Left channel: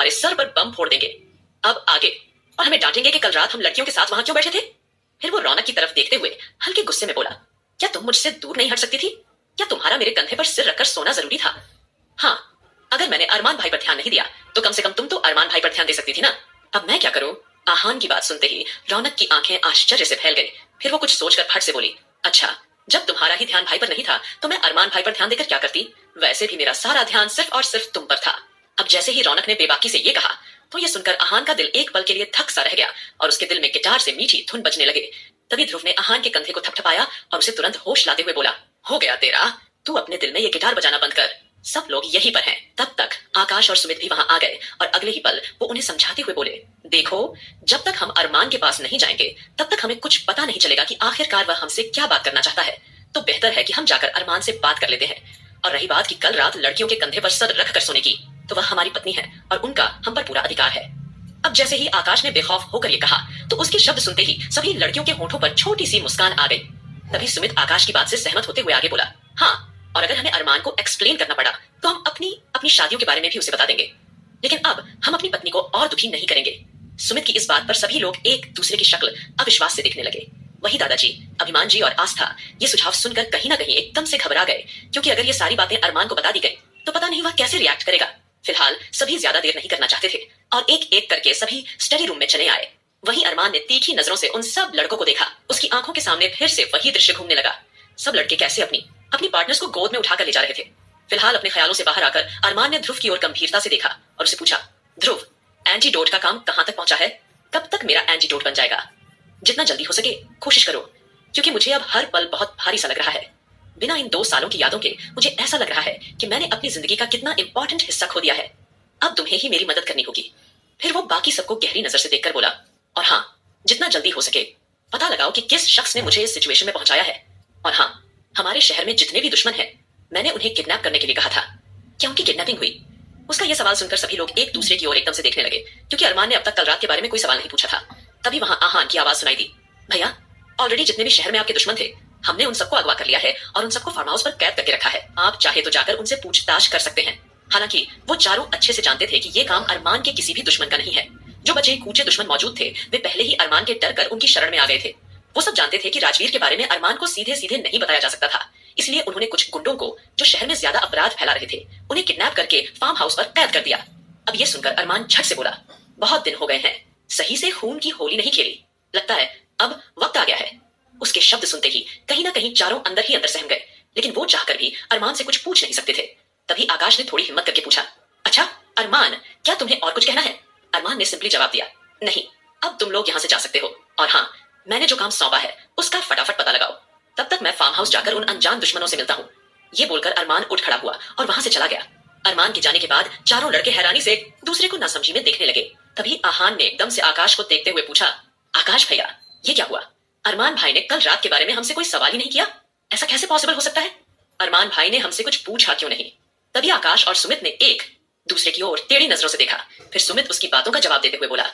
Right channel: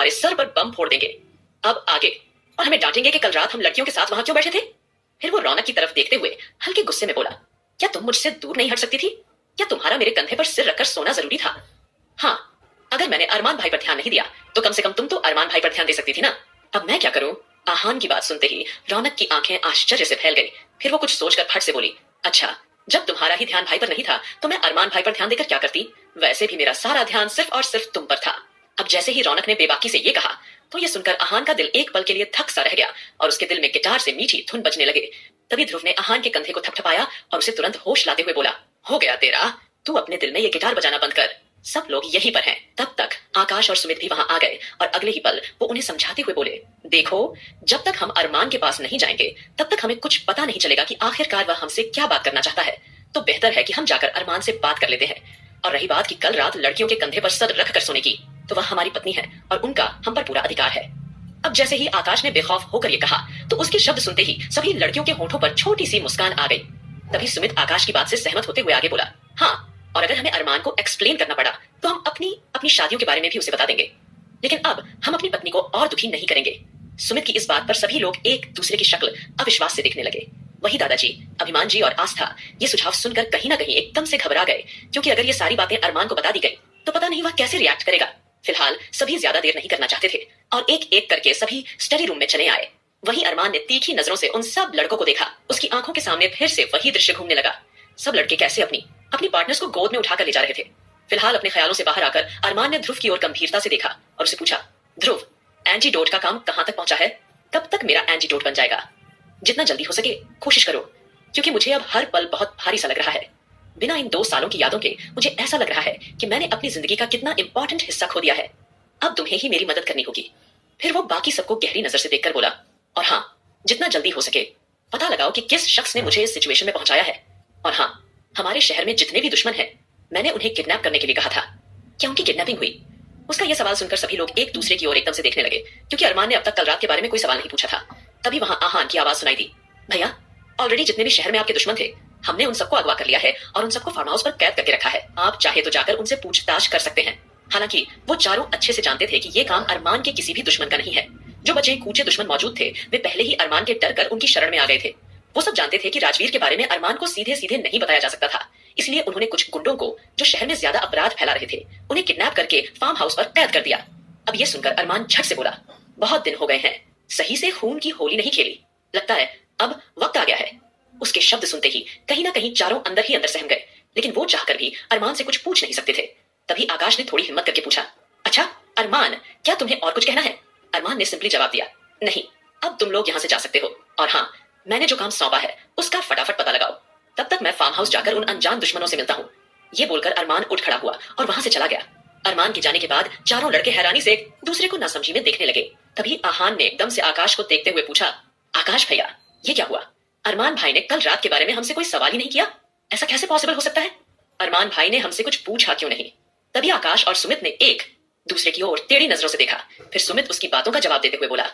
हमारे सर पर बम फोड़ देंगे। अब आगे, और हमें डांटेंगे कि कल रात हम लड़कियों के साथ वहां क्यों बैठे थे। फिर वो रौनक की तरफ देखते हुए हल्के गुस्से में बोला, क्या तुम मुझसे दूर नहीं हट सकती थी? क्या तुम्हारा मेरे कंधे पर सिर रखकर सोना जरूरी था? हाँ, अगर मैंने अरमान भाई पर ध्यान नहीं दिया तो कम से कम तुम तो अरमान भाई पर ध्यान दे सकती थी ना। अब मैं क्या करूं? आहान की बात सुनते ही रौनक की आंखें आश्चर्य से फैल गई। फिर वो कुछ सोचकर फट से बोली, अच्छा, जब तुम्हारा ही ध्यान भाई पर नहीं था तो मैं अरमान भाई पर ध्यान देकर क्या करती? वैसे भी मेरा सारा ध्यान सिर्फ और सिर्फ तुम पर था। अब जैसे ही रौनक ने बेबाकी से ये कहा तो ये सुनकर आहान का दिल एक पल के लिए थक सा रह गया और उसके दिल में गिटार से मीठी धुन बजने लगे। तभी ध्रुव ने आहान के कंधे को थपथपाया और उसे तुरंत होश लाते हुए बोला, हो गया तेरा, तू अपने दिल में ये गिटार बजाना बंद कर। सब लोग यहीं पर हैं। तब तक आकाश और सुमित भी वहां आ गए और अगले ही पल वो उन्हें समझाते हुए बोले, देखो, जब तक हम अरमान के पास नहीं जाएंगे तब तक हमें कुछ पता नहीं चलेगा कि आखिरकार वह हमसे क्या बात करना चाहता है। तो बेहतर है कि हम जाकर अरमान से बात कर लेते हैं। और रही बात कि कल रात लड़कियों के कंधे पर सर रख कर सोने की, तो वह हमारी पत्नी है और उनका हम पर पूरा अधिकार है। अब जैसे ही आकाश ने बेखौफ होकर ये कहा तो उसके शब्द सुनते ही सभी लड़कियों के होठों पर छोटी सी मुस्कान आ गई। तभी सुमित आकाश की बात से सहमत होते हुए आगे बोला, हाँ, और अगर हमें अरमान को एक्सप्लेन करना पड़ा तो हम अपनी अपनी शादियों के बारे में भी उसे बता देंगे, लेकिन अब हम अपनी पत्नी को और दुखी नहीं करेंगे। सुमित की इस बात पर सभी लोग एक दूसरे की शक्ल अविश्वास से देखने लगे। वही दादाजी, अभिमान जी और आस्था ये सुझाव सुनकर कहीं ना कहीं एकदम से घबरा गए, क्योंकि अगर ये सारी बातें अरमान को बता दी गई तो पता नहीं वह कैसे रिएक्ट करेगा। फिलहाल सभी ज्यादा देर नहीं करना चाहते थे और एक एक करके सभी स्टडी रूम में चले आए। वहीं अरमान ने तीखी नजरों से उन सब लड़कों को देखा। उसकी आंखों के सामने फिर से वही दृश्य घूमने लगा। सब लड़के कैसे अपनी अपनी पार्टनर्स को गोद में उठाकर ले जा रहे थे। फिलहाल अपने ख्यालों से बाहर आकर अरमान ने ध्रुव की ओर गंभीरता से देखा और उसे पूछा, ध्रुव, एंटीडोट का काम कहां तक पहुंचा है? कब तक मेरा एंटीडोट बन जाएगा? जितना जल्दी हो सके कोशिश करो, क्योंकि मुझे अब हर पल बहुत भारी सा लग रहा है। बिना इन 2 सालों की यादों के मुझे ऐसा लग रहा है कि मैंने अपनी जिंदगी का कितना इंपॉर्टेंट हिस्सा खो दिया है। अब तुम्हें ही मेरी मदद करनी होगी। फिर वो बाकी सबको गहरी नजर से देखकर बोला, और हाँ, जितना जल्दी हो सके पता लगाओ कि किस शख्स ने मुझे इस सिचुएशन में पहुंचाया है। और हाँ, हमारे शहर में जितने भी दुश्मन हैं, मैंने उन्हें किडनैप करने के लिए कहा था। क्या उनकी किडनैपिंग हुई? उसका यह सवाल सुनकर सभी लोग एक दूसरे की ओर एकदम से देखने लगे, क्योंकि अरमान ने अब तक कल रात के बारे में कोई सवाल नहीं पूछा था। तभी वहां आहान की आवाज सुनाई दी, भैया, ऑलरेडी जितने भी शहर में आपके दुश्मन थे हमने उन सबको अगवा कर लिया है और उन सबको फार्म हाउस पर कैद करके रखा है। आप चाहे तो जाकर उनसे पूछताछ कर सकते हैं। हालांकि वो चारों अच्छे से जानते थे कि ये काम अरमान के किसी भी दुश्मन का नहीं है। जो बचे कूचे दुश्मन मौजूद थे वे पहले ही अरमान के डर कर उनकी शरण में आ गए थे। वो सब जानते थे कि राजवीर के बारे में अरमान को सीधे सीधे नहीं बताया जा सकता था, इसलिए उन्होंने कुछ गुंडों को जो शहर में ज्यादा अपराध फैला रहे थे उन्हें किडनैप करके फार्म हाउस पर कैद कर दिया। अब ये सुनकर अरमान झट से बोला, बहुत दिन हो गए हैं सही से खून की होली नहीं खेली, लगता है अब वक्त आ गया है। उसके शब्द सुनते ही कहीं ना कहीं चारों अंदर ही अंदर सहम गए, लेकिन वो चाहकर भी अरमान से कुछ पूछ नहीं सकते थे। तभी आकाश ने थोड़ी हिम्मत करके पूछा, अच्छा अरमान, क्या तुम्हें और कुछ कहना है? अरमान ने सिंपली जवाब दिया, नहीं, अब तुम लोग यहाँ से जा सकते हो। और हाँ, मैंने जो काम सौंपा है उसका फटाफट पता लगाओ, तब तक मैं फार्म हाउस जाकर उन अनजान दुश्मनों से मिलता हूँ। ये बोलकर अरमान उठ खड़ा हुआ और वहां से चला गया। अरमान के जाने के बाद चारों लड़के हैरानी से एक दूसरे को नासमझी में देखने लगे। तभी आहान ने एकदम से आकाश को देखते हुए पूछा, आकाश भैया, ये क्या हुआ? अरमान भाई ने कल रात के बारे में हमसे कोई सवाल ही नहीं किया, ऐसा कैसे पॉसिबल हो सकता है? अरमान भाई ने हमसे कुछ पूछा क्यों नहीं? तभी आकाश और सुमित ने एक दूसरे की ओर टेढ़ी नजरों से देखा। फिर सुमित उसकी बातों का जवाब देते हुए बोला,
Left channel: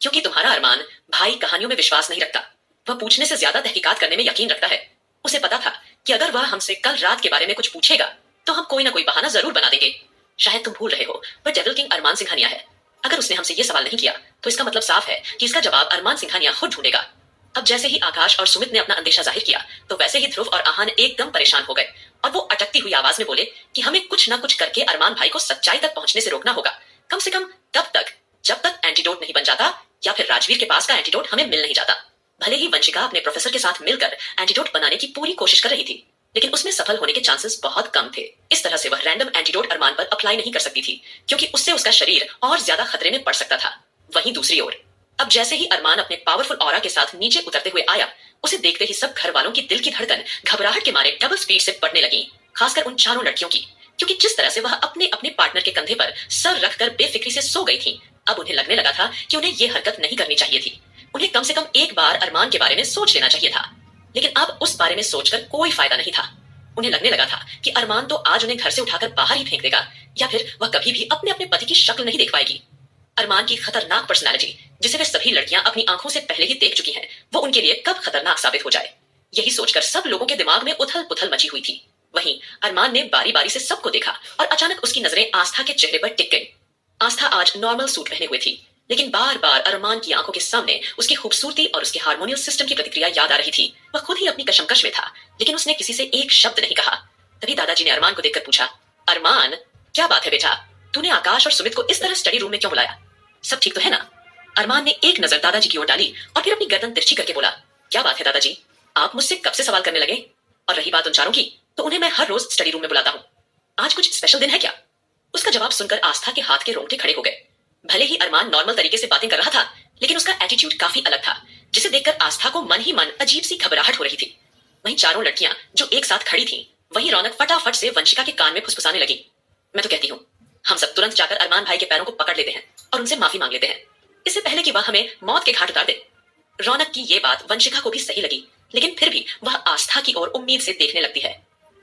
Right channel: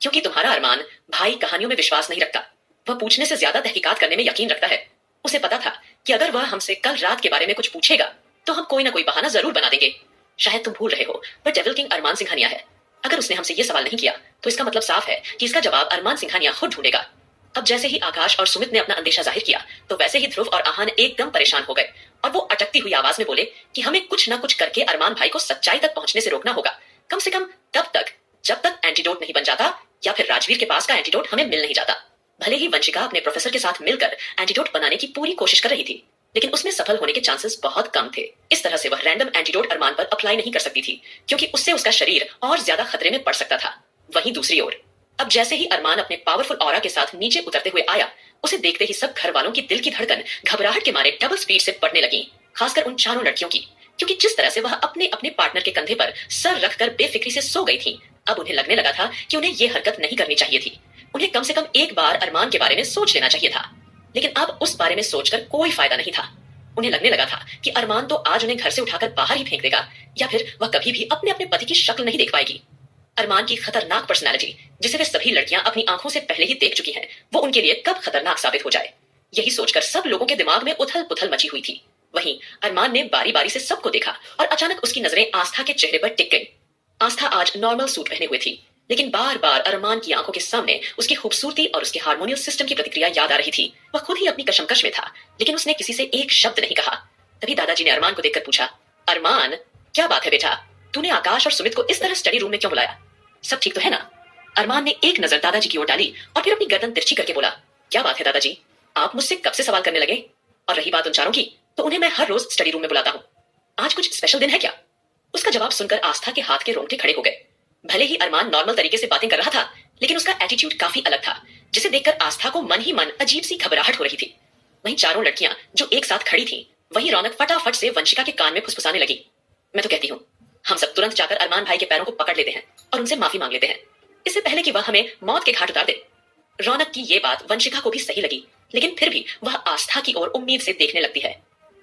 क्योंकि तुम्हारा अरमान भाई कहानियों में विश्वास नहीं रखता, वह पूछने से ज्यादा तहकीकात करने में यकीन रखता है। उसे पता था कि अगर वह हमसे कल रात के बारे में कुछ पूछेगा तो हम कोई ना कोई बहाना जरूर बना देंगे। शायद तुम भूल रहे हो, पर डेविल किंग अरमान सिंघानिया है। अगर उसने हमसे यह सवाल नहीं किया तो इसका मतलब साफ है कि इसका जवाब अरमान सिंघानिया खुद ढूंढेगा। अब जैसे ही आकाश और सुमित ने अपना अंदेशा जाहिर किया तो वैसे ही ध्रुव और आहान एकदम परेशान हो गए और वो अटकती हुई आवाज में बोले कि हमें कुछ ना कुछ करके अरमान भाई को सच्चाई तक पहुंचने से रोकना होगा। कम से कम तब तक जब तक एंटीडोट नहीं बन जाता या फिर राजवीर के पास का एंटीडोट हमें मिल नहीं जाता। भले ही वंशिका अपने प्रोफेसर के साथ मिलकर एंटीडोट बनाने की पूरी कोशिश कर रही थी, लेकिन उसमें सफल होने के चांसेस बहुत कम थे। इस तरह से वह रैंडम एंटीडोट अरमान पर अप्लाई नहीं कर सकती थी, क्योंकि उससे उसका शरीर और ज्यादा खतरे में पड़ सकता था। वहीं दूसरी ओर अब जैसे ही अरमान अपने पावरफुल ऑरा के साथ नीचे उतरते हुए आया, उसे देखते ही सब घर वालों की दिल की धड़कन घबराहट के मारे डबल स्पीड से बढ़ने लगी, खासकर उन चारों लड़कियों की, क्योंकि जिस तरह से वह अपने अपने पार्टनर के कंधे पर सर रखकर बेफिक्री से सो गई थी, अब उन्हें लगने लगा था कि उन्हें यह हरकत नहीं करनी चाहिए थी। उन्हें कम से कम एक बार अरमान के बारे में सोच लेना चाहिए था, लेकिन अब उस बारे में सोचकर कोई फायदा नहीं था। उन्हें लगने लगा था कि अरमान तो आज उन्हें घर से उठाकर बाहर ही फेंक देगा, या फिर वह कभी भी अपने अपने पति की शक्ल नहीं देख पाएगी। अरमान की खतरनाक पर्सनालिटी, जिसे वे सभी लड़कियां अपनी आंखों से पहले ही देख चुकी हैं, वो उनके लिए कब खतरनाक साबित हो जाए, यही सोचकर सब लोगों के दिमाग में उथल पुथल मची हुई थी। वहीं अरमान ने बारी बारी से सबको देखा और अचानक उसकी नजरें आस्था के चेहरे पर टिक गई। आस्था आज नॉर्मल सूट पहने हुए थी, लेकिन बार बार अरमान की आंखों के सामने उसकी खूबसूरती और उसके हार्मोनियल सिस्टम की प्रतिक्रिया याद आ रही थी। वह खुद ही अपनी कशमकश में था, लेकिन उसने किसी से एक शब्द नहीं कहा। तभी दादाजी ने अरमान को देखकर पूछा, अरमान, क्या बात है बेटा, तूने आकाश और सुमित को इस तरह स्टडी रूम में क्यों बुलाया? सब ठीक तो है ना? अरमान ने एक नजर दादाजी की ओर डाली और फिर अपनी गर्दन तिरछी करके बोला, क्या बात है दादाजी, आप मुझसे कब से सवाल करने लगे? और रही बात उन चारों की, तो उन्हें मैं हर रोज स्टडी रूम में बुलाता हूँ। आज कुछ स्पेशल दिन है क्या? उसका जवाब सुनकर आस्था के हाथ के रोंगटे खड़े हो गए। भले ही अरमान नॉर्मल तरीके से बातें कर रहा था, लेकिन उसका एटीट्यूड काफी अलग था, जिसे देखकर आस्था को मन ही मन अजीब सी घबराहट हो रही थी। वहीं चारों लड़कियां जो एक साथ खड़ी थीं, वहीं रौनक फटाफट से वंशिका के कान में फुसफुसाने लगी, मैं तो कहती हूँ हम सब तुरंत जाकर अरमान भाई के पैरों को पकड़ लेते हैं और उनसे माफी मांग लेते हैं, इससे पहले कि वह हमें मौत के घाट उतार दे। रौनक की ये बात वंशिका को भी सही लगी, लेकिन फिर भी वह आस्था की ओर उम्मीद से देखने लगती है।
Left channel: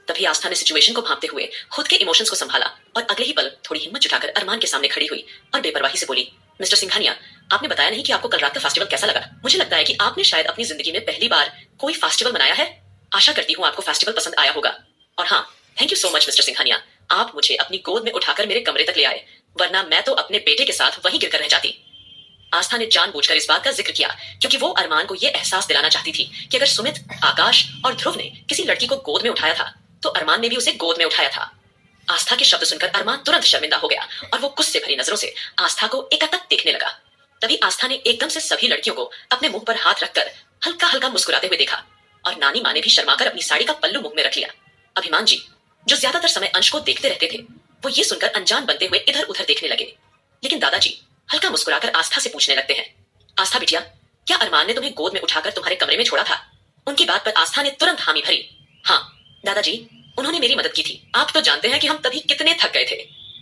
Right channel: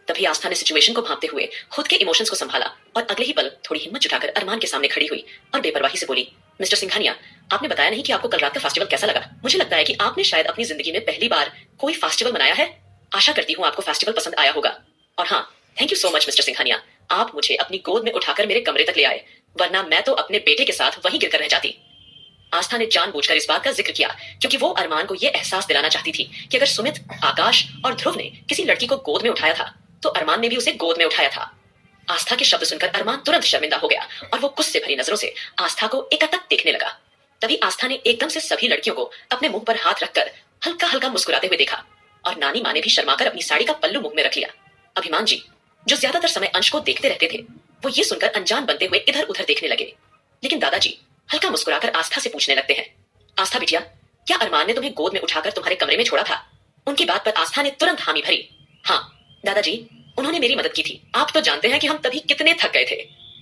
तभी आस्था ने सिचुएशन को भांपते हुए खुद के इमोशंस को संभाला और अगले ही पल थोड़ी हिम्मत जुटाकर अरमान के सामने खड़ी हुई और बेपरवाही से बोली, मिस्टर सिंघानिया, आपने बताया नहीं कि आपको कल रात का फेस्टिवल कैसा लगा। मुझे लगता है कि आपने शायद अपनी जिंदगी में पहली बार कोई फेस्टिवल मनाया है। आशा करती हूँ आपको फेस्टिवल पसंद आया होगा। और हाँ, thank you so much mister Singhania, आप मुझे अपनी गोद में उठाकर मेरे कमरे तक ले आए, वरना मैं तो अपने बेटे के साथ वहीं गिरकर रह जाती। आस्था ने जानबूझकर इस बात का जिक्र किया क्योंकि वो अरमान को यह एहसास दिलाना चाहती थी कि अगर सुमित, आकाश और ध्रुव ने किसी लड़की को गोद में उठाया था, तो अरमान ने भी उसे गोद में उठाया था। आस्था के शब्द सुनकर अरमान तुरंत शर्मिंदा हो गया और वो गुस्से भरी नजरों से आस्था को एकातक देखने लगा। तभी आस्था ने एकदम से सभी लड़कियों को अपने मुंह पर हाथ रखकर हल्का हल्का मुस्कुराते हुए देखा और नानी माँ ने भी शर्माकर अपनी साड़ी का पल्लू मुंह में रख लिया। अभिमान जी, जो ज्यादातर समय अंश को देखते रहते थे, वो ये सुनकर अनजान बनते हुए इधर उधर देखने लगे, लेकिन दादाजी हल्का मुस्कुराकर आस्था से पूछने लगते हैं, आस्था बिटिया, क्या अरमान ने तुम्हें गोद में उठाकर तुम्हारे कमरे में छोड़ा था? उनकी बात पर आस्था ने तुरंत हामी भरी, हाँ दादाजी, उन्होंने मेरी मदद की थी। आप तो जानते हैं कि हम तभी कितने थक गए थे।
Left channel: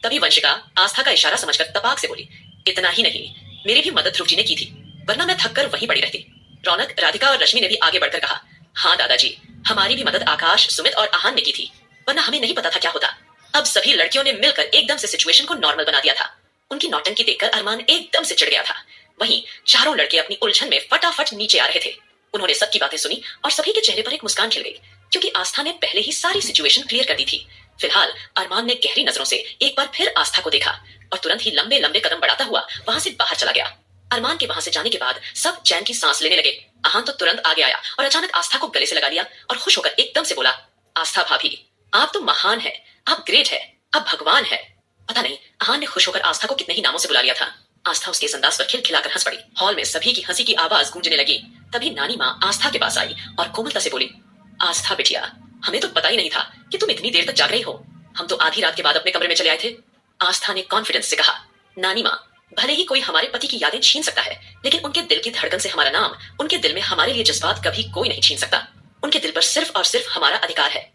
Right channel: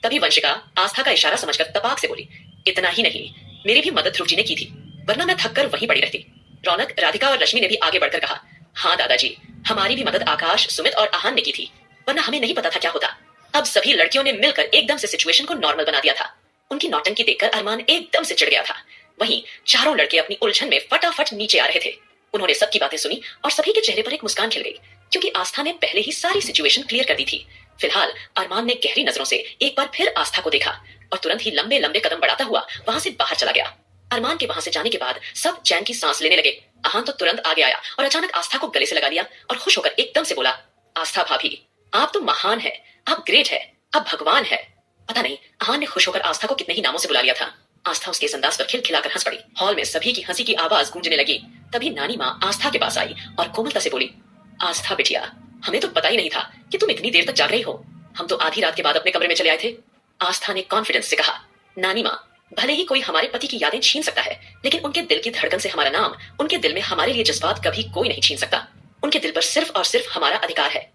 तभी वंशिका आस्था का इशारा समझकर तपाक से बोली, इतना ही नहीं, मेरी भी मदद ध्रुव जी ने की थी, वरना मैं थक कर वहीं पड़ी रहती। रौनक, राधिका और रश्मि ने भी आगे बढ़कर कहा, हाँ दादाजी, हमारी भी मदद आकाश, सुमित और आहान ने की थी, वरना हमें नहीं पता था क्या होता। अब सभी लड़कियों ने मिलकर एकदम से सिचुएशन को नॉर्मल बना दिया था। उनकी नौटंकी देखकर अरमान एकदम से चिढ़ गया था। वहीं चारों लड़के अपनी उलझन में फटाफट नीचे आ रहे थे। उन्होंने सबकी बातें सुनी और सभी के चेहरे पर एक मुस्कान खिल गई, क्योंकि आस्था ने पहले ही सारी सिचुएशन क्लियर कर दी थी। फिलहाल अरमान ने गहरी नजरों से एक बार फिर आस्था को देखा और तुरंत ही लंबे लंबे कदम बढ़ाता हुआ वहां से बाहर चला गया। अरमान के वहां से जाने के बाद सब चैन की सांस लेने लगे। आहान तो तुरंत आगे आया और अचानक आस्था को गले से लगा लिया और खुश होकर एकदम से बोला, आस्था भाभी, आप तो महान है, आप ग्रेट है, आप भगवान है। पता नहीं आहान ने खुश होकर आस्था को कितने ही नामों से बुला लिया था। आस्था उसके इस अंदाज पर खिलखिलाकर हंस पड़ी। हॉल में सभी की हंसी की आवाज गूंजने लगी। तभी नानी माँ आस्था के पास आई और कोमलता से बोली, आस्था बिटिया, हमें तो पता ही नहीं था कि तुम इतनी देर तक जाग रही हो। हम तो आधी रात के बाद अपने कमरे में चले आए थे। आस्था ने कॉन्फिडेंस से कहा, नानी माँ, भले ही कोई हमारे पति की यादें छीन सकता है, लेकिन उनके दिल की धड़कन से हमारा नाम, उनके दिल में हमारे लिए जज्बात कभी कोई नहीं छीन सकता। उनके दिल पर सिर्फ और सिर्फ हमारा अधिकार है।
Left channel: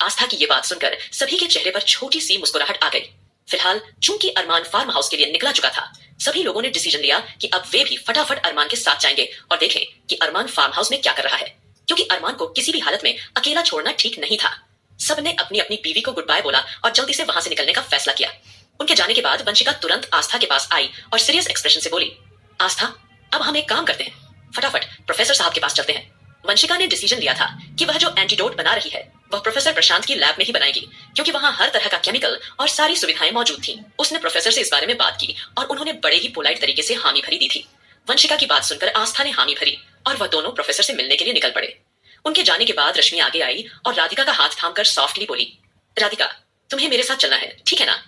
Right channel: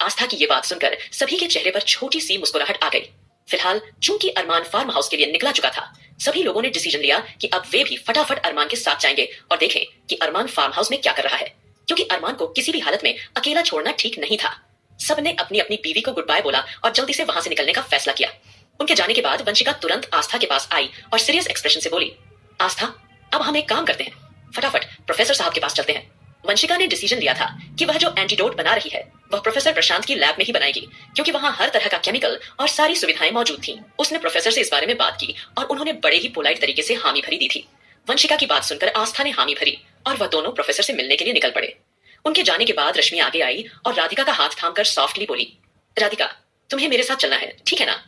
आस्था की ये बात सुनकर सभी के चेहरे पर छोटी सी मुस्कुराहट आ गई। फिलहाल चूंकि अरमान फार्म हाउस के लिए निकला चुका था, सभी लोगों ने डिसीजन लिया कि अब वे भी फटाफट अरमान के साथ जाएंगे और देखें कि अरमान फार्म हाउस में क्या कर रहा है, क्योंकि अरमान को किसी भी हालत में अकेला छोड़ना ठीक नहीं था। सबने अपनी अपनी बीवी को गुड बाय बोला और जल्दी से वहां से निकलने का फैसला किया। उनके जाने के बाद वंशिका तुरंत आस्था के पास आई और सीरियस एक्सप्रेशन से बोली, आस्था, अब हम एक काम करते हैं, फटाफट प्रोफेसर साहब के पास चलते हैं। वंशिका ने डिसीजन लिया था कि वह जो एंटीडोट बना रही है वह प्रोफेसर प्रशांत की लैब में ही बनाएगी, क्योंकि वहां हर तरह का केमिकल और सारी सुविधाएं मौजूद थीं। उसने प्रोफेसर से इस बारे में बात की और उन्होंने बड़े ही पोलाइट तरीके से हामी भरी दी थी। वंशिका की बात सुनकर आस्था ने हामी भरी और वह दोनों प्रोफेसर से मिलने के लिए निकल पड़े। उनके जाने के बाद रश्मि आगे आई और राधिका का हाथ थामकर सॉफ्टली बोली, राधिका, तुम्हें मेरे साथ चलना है, ठीक है ना?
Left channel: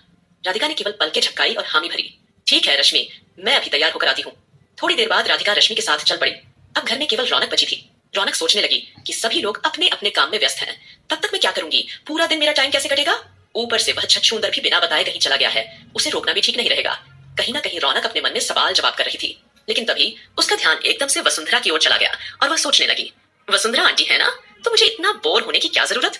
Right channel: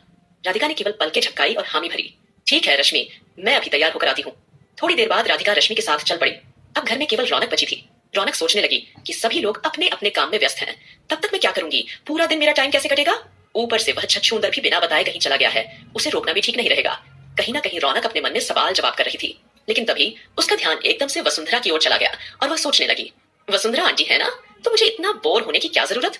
राधिका ने केवल पलकें झपकाई और हामी भरी, ठीक है रश्मि, मैं अभी तैयार होकर आती हूँ। थोड़ी देर बाद राधिका रश्मि के साथ चल पड़ी। अब घर में केवल रौनक बची थी। रौनक सोचने लगी कि सभी लोग अपने अपने काम में व्यस्त हैं, तब तक मैं क्या करूंगी, पूरा दिन मेरा टाइम कैसे कटेगा? ऊपर से वह छछूंदर भी बिना बताए कहीं चला गया है, उसे रोकना भी ठीक नहीं रहेगा। कहीं ना कहीं रौनक अपने मन में सवाल जवाब कर रही थी, लेकिन तभी उसका ध्यान एकदम से वसुंधरा की ओर चला गया और वह सोचने लगी, वसुंधरा आंटी है ना, तो मुझे इतना बोर होने की क्या जरूरत?